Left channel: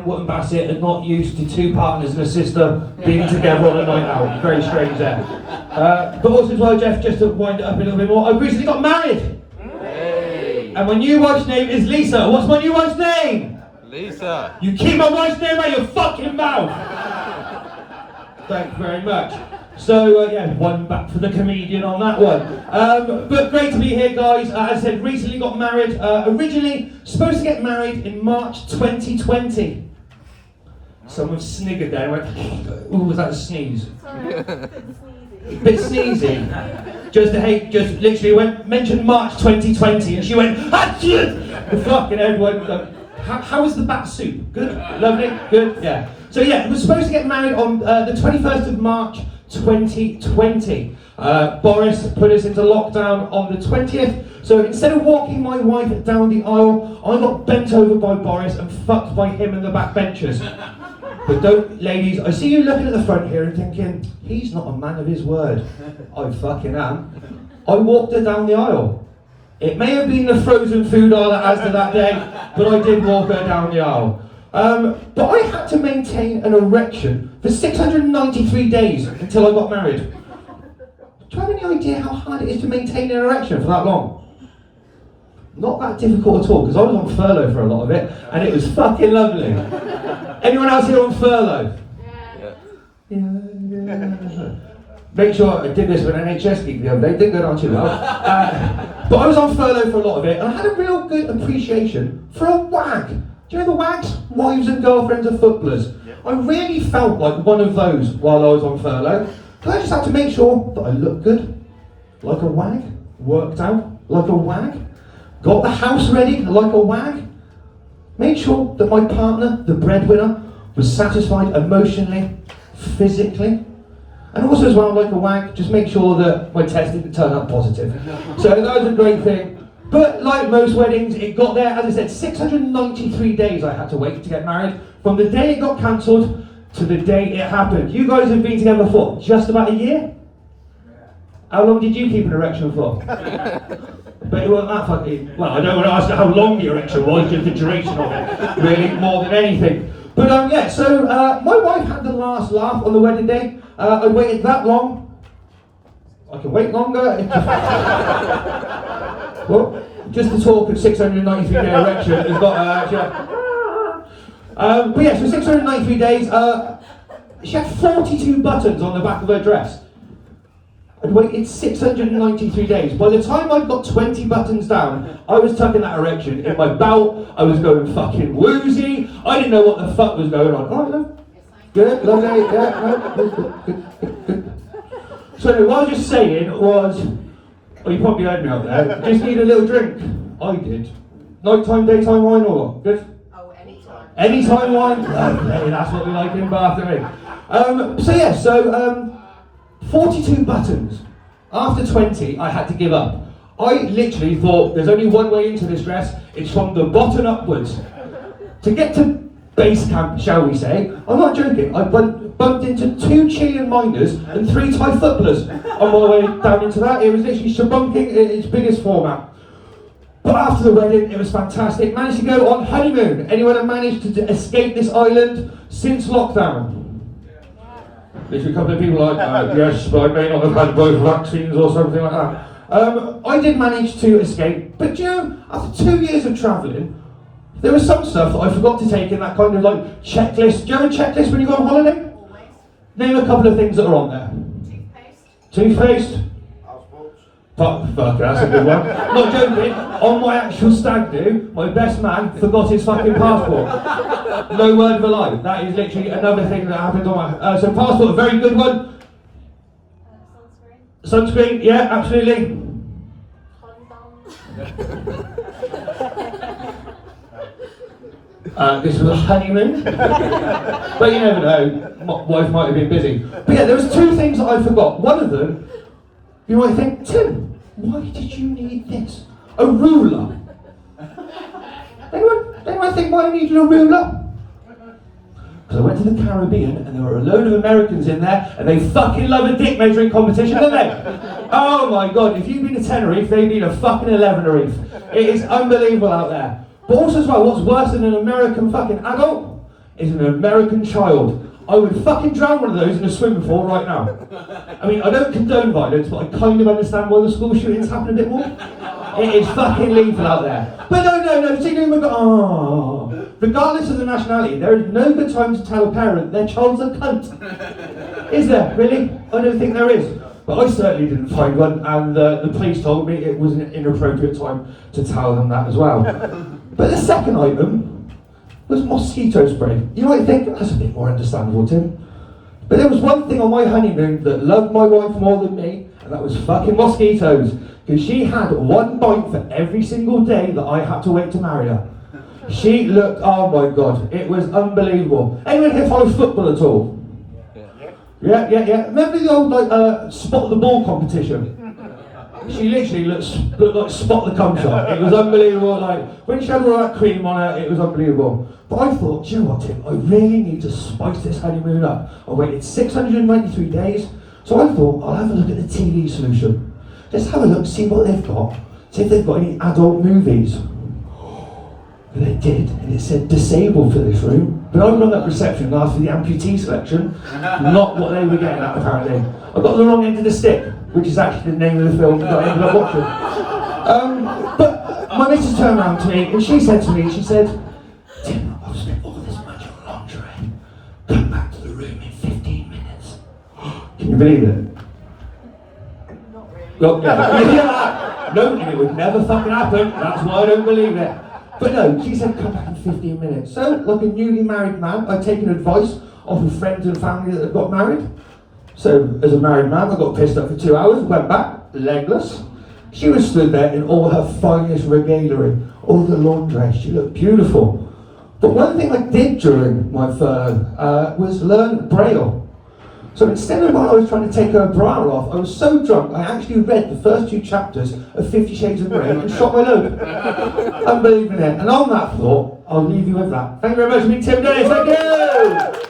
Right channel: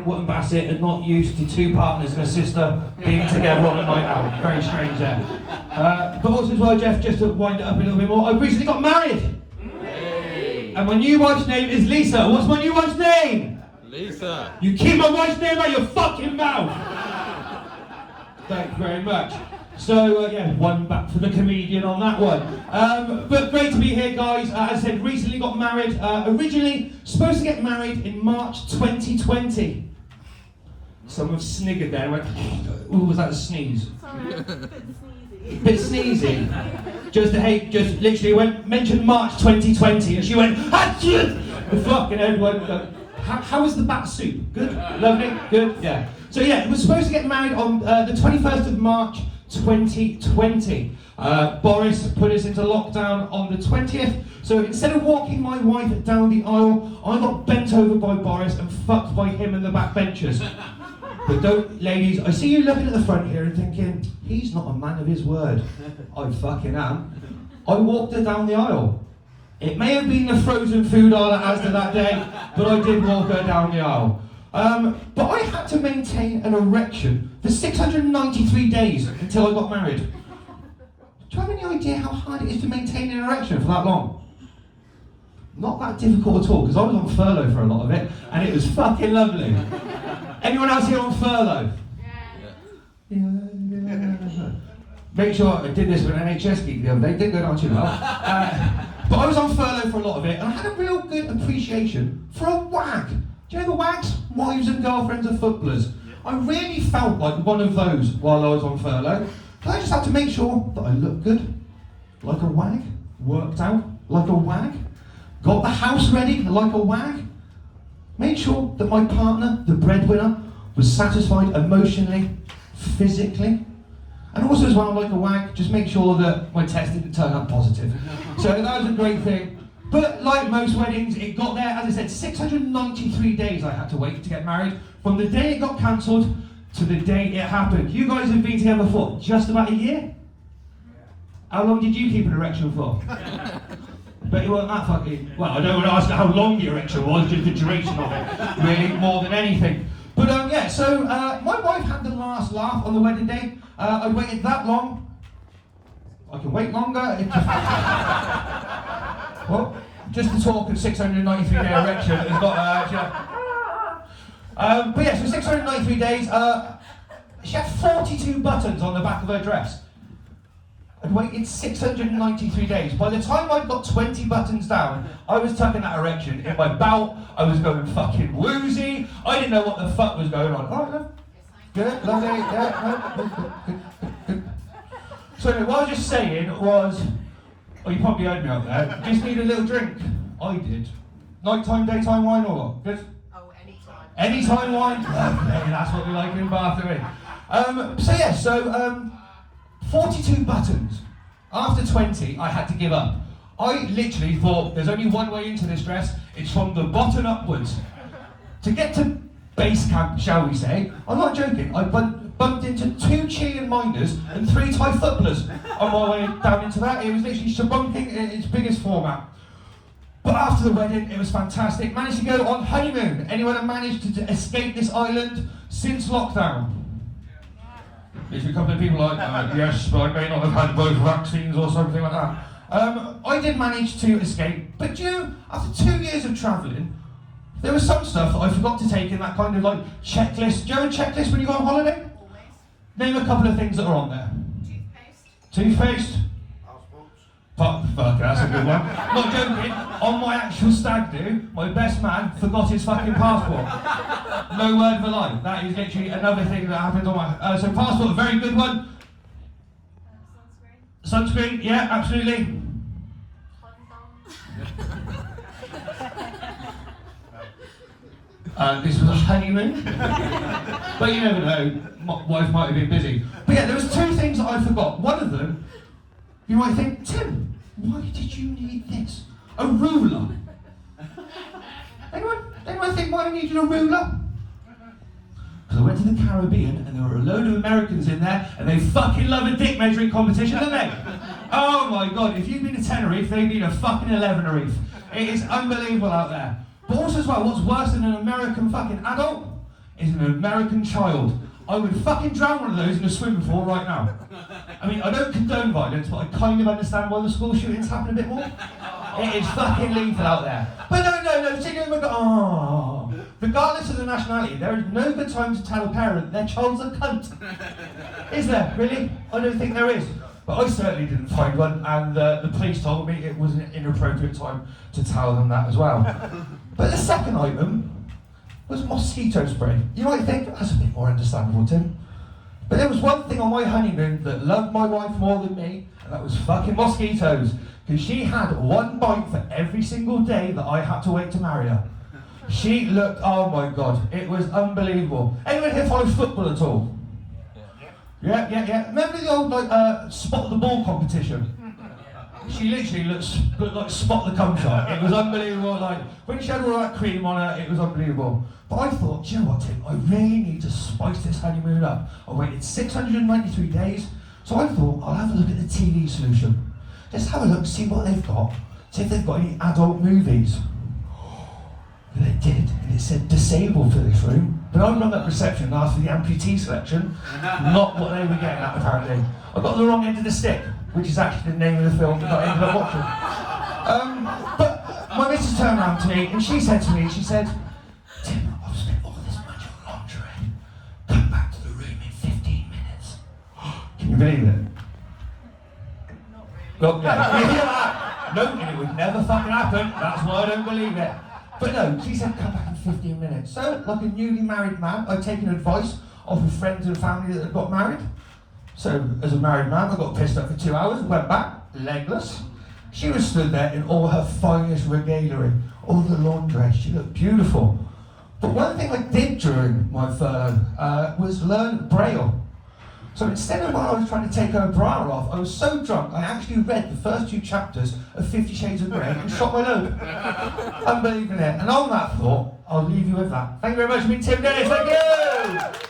in Wootton Bassett and not used to two partners and a sister being together on a night out. Very strange there. But also as well, Jeff, just to wind it up a little bit more, I recently got married. Hey. And my new wife's name is Lisa. What's my new wife's name? Lisa. You keep my wife's name out of your fucking mouth. Thank you very much. So yeah, one back for the comedian on that one. But great to be here, guys. As I said, recently got married. Originally supposed to get married in March 2020. Someone sniggered there and went, ooh, was that a sneeze? Bit sneezy. Just literally mentioned March 2020 and she went, achoo! The fucking everyone. How was the bat soup? Good? Lovely? Good? Yeah. So yeah, we were supposed to get married on the 21st of March 2020. Boris put us into lockdown on the 20th, so instead of walking my wife down the aisle, I got bent over by Boris and fucked by him and the backbenchers. But don't, ladies, I see you looking at the front here and thinking, he's not a man of his word. I fucking am. I walked her down the aisle. It may have been the frozen food aisle at Asda that day, but I did walk her down the aisle. But I had to maintain an erection for 693 days until I got married. Do you have any idea how hard it is to maintain an erection for that long? Not that difficult at all, because I was on furlough for a lot of it, and it was fucking lovely. Anyone else here on furlough? Yeah. Make sure I did this with an NHS geek the other day, didn't go down too well. But I was on furlough for a lot of it, and I had a real good appreciation for a wag. Do you know the wags? Wives and girlfriends of footballers. I really felt like one of those while I was on furlough. I just had to make sure that I looked good, like a wag, worked out like a wag, got the house ready like a wag, made sure that my partner, the breadwinner, was satisfied emotionally, physically, and also as well, like a wag, just make sure that my test didn't turn up positive. So that was a great thing. But like most weddings, it got there, as I said, 693 days I had to wait to get married. From the day it got cancelled to the day it happened. You guys have been together for just about a year? How long did you keep an erection for? But it wasn't that fucking... Well, I don't want to ask how long the erection was, just the duration of it, really, more than anything. But yeah, so my wife had the last laugh on the wedding day. I waited that long. I can wait longer. Well, just the talk of 693 day erection has got but yeah, so 693 days, she had 42 buttons on the back of her dress. I'd waited 693 days. By the time I'd got 20 buttons down, I was tucking that erection in my belt, I was going fucking woozy, I didn't know what the fuck was going on. Alright, love? Good, lovely, yeah, no, good. So what I was just saying was, oh, you probably heard me out there. Just need a little drink. I did. Nighttime, daytime wine or what? Good? Oh, anytime. Anytime wine? Lovely, that's what we like in Bath, don't we? So yeah, 42 buttons. After 20, I had to give up. I literally thought there's only one way into this dress. It's from the bottom upwards. To get to base camp, shall we say, I'm not joking, I bumped into 2 Chilean miners and 3 Thai footballers on my way down into that. It was literally shebunking in its biggest format. But after the wedding, it was fantastic. Managed to go on honeymoon. Anyone have managed to escape this island since lockdown? Literally a couple of people like, yes, but I may not have had both vaccines or something like that. I did manage to escape, but you know, after 2 years of travelling, there was some stuff that I forgot to take in that kind of like checklist. Do you have a checklist when you go on holiday? Always. Name a couple of things that are on there. Toothpaste? Fuck, that's a good one. Not joking, on my actual stag do, my best man forgot his fucking passport. No word of a lie. That is literally another thing that happened on my... so passport, a very good one. Sunscreen, yeah, absolutely. This was a honeymoon. But you never know, my wife might have been busy. But yeah, there was 2 things that I forgot. One of them, you might think, Tim, why did you need this? A ruler. Anyone think why I needed a ruler? Because I went to the Caribbean and there were a load of Americans in there and they fucking love a dick measuring competition, don't they? Oh my god, if you've been to Tenerife, they've been a fucking 11-erife. It is unbelievable out there. But also as well, what's worse than an American fucking adult is an American child. I would fucking drown one of those in a swimming pool right now. I mean, I don't condone violence, but I kind of understand why the school shootings happen a bit more. It is fucking lethal out there. But no, particularly regardless of the nationality, there is no good time to tell a parent their child's a cunt. Is there, really? I don't think there is. But I certainly didn't find one, and the police told me it was an inappropriate time to tell them that as well. But the second item was mosquito spray. You might think, that's a bit more understandable, Tim. But there was one thing on my honeymoon that loved my wife more than me, and that was fucking mosquitoes. Because she had one bite for every single day that I had to wait to marry her. She looked, oh my god, it was unbelievable. Anyone here follow football at all? Yeah. Remember the old spot the ball competition? She literally looked like Spot the Cum Shot. It was unbelievable. Like when she had all that cream on her, it was unbelievable. But I thought, do you know what, Tim? I really need to spice this honeymoon up. I waited 693 days, so I thought I'll have a look at the TV solution. Let's have a look, see what they've got. See if they've got any adult movies. And they did, and it said disabled for this room. But I went up reception after the amputee selection, not what they were getting at apparently. I got the wrong end of the stick, which is actually the name of the film that I ended up watching. But my missus turned around to me and she said to me, she said, Tim, I've spent all this money on lingerie. Come back to the room in 15 minutes. Can you believe it? Not really. Well, yeah. No, and it would never fucking happen. That's why I don't believe it. But no, she said come back in 15 minutes. So, like a newly married man, I'd taken advice off of friends and family that had got married. So, as a married man, I got pissed up for 2 hours, went back, legless. She was stood there in all her finest regalia, all the laundry. She looked beautiful. But one thing I did during my third was learn Braille. So instead of while I was trying to take her bra off, I was so drunk I actually read the first 2 chapters of 50 Shades of Grey and shot my load. Unbelievable. And on that thought, I'll leave you with that. Thank you very much. Me, Tim Dennis. Thank you.